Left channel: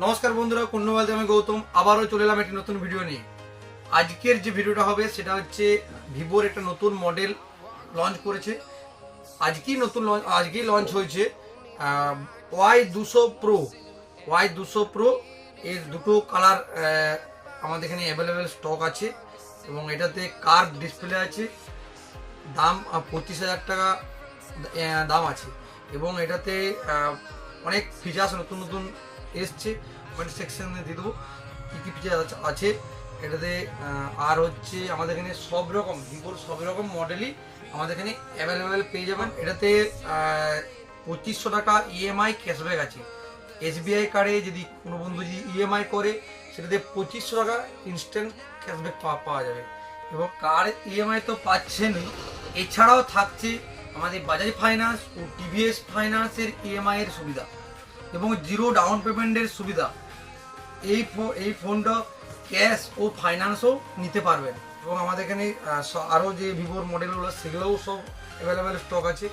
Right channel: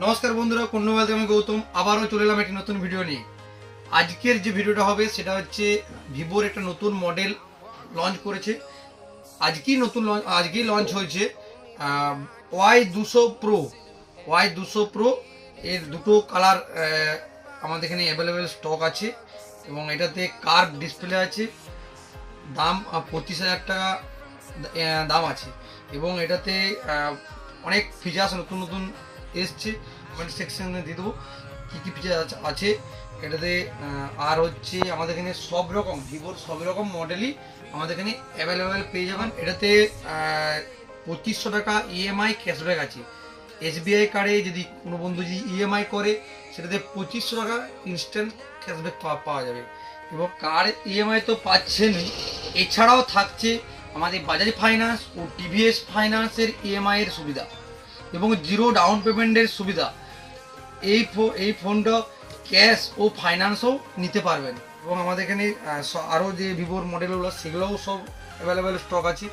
নমস্কার বন্ধুরা, কোন মোবাইল থেকে আমি গৌতম আবারও চলে এলাম একটি নতুন ভিডিও নিয়ে। আজকের যে ভিডিওটা হবে সেটা হচ্ছে ভিভোর একটা নতুন মডেল লঞ্চ করেছে। আজকেই লঞ্চ হয়েছে Y200 Pro এর দুটো কালার আমাদের এখানে অ্যাভেলেবেল স্টক আছে এবং এটাতে কার্ভ ডিসপ্লে আছে। দাম 25,000 টাকা দাম আছে এবং এটাতে অনেক ফিচার্স নতুন নতুন এসছে। কমেন্ট সেকশনে দিয়ে দেবো কী কী ফিচার আছে এটাতে। আর হচ্ছে আমাদের এখানে সব রকম ভিভোর সব রকম মডেলই আমাদের এখানে অ্যাভেলেবেল পেয়ে যাবেন। এটাতে 2500 টাকা ইএমআই ক্যাশব্যাক আছে। এসবিআই কার্ডে যদি কোনো বন্ধু যদি ইএমআই করে সেটাতে 2500 টাকা ইনস্ট্যান্ট ক্যাশব্যাক পাওয়া যাবে। এবং কার ইএমআই তো পাচ্ছেনই, এছাড়াও থাকছে আমাদের বাজাজ ফাইন্যান্স ও টিভিএস ফাইন্যান্সের ইএমআই এর সুবিধা এবং জিরো ডাউন পেমেন্টের সুবিধা। এই ফোনটা ক্যাশ ও ফাইন্যান্সও নিতে পারবেন এবং আমাদের এখানে আরও যে ভিভোর মডেলগুলো সেগুলোও সব অ্যাভেলেবেল স্টক আছে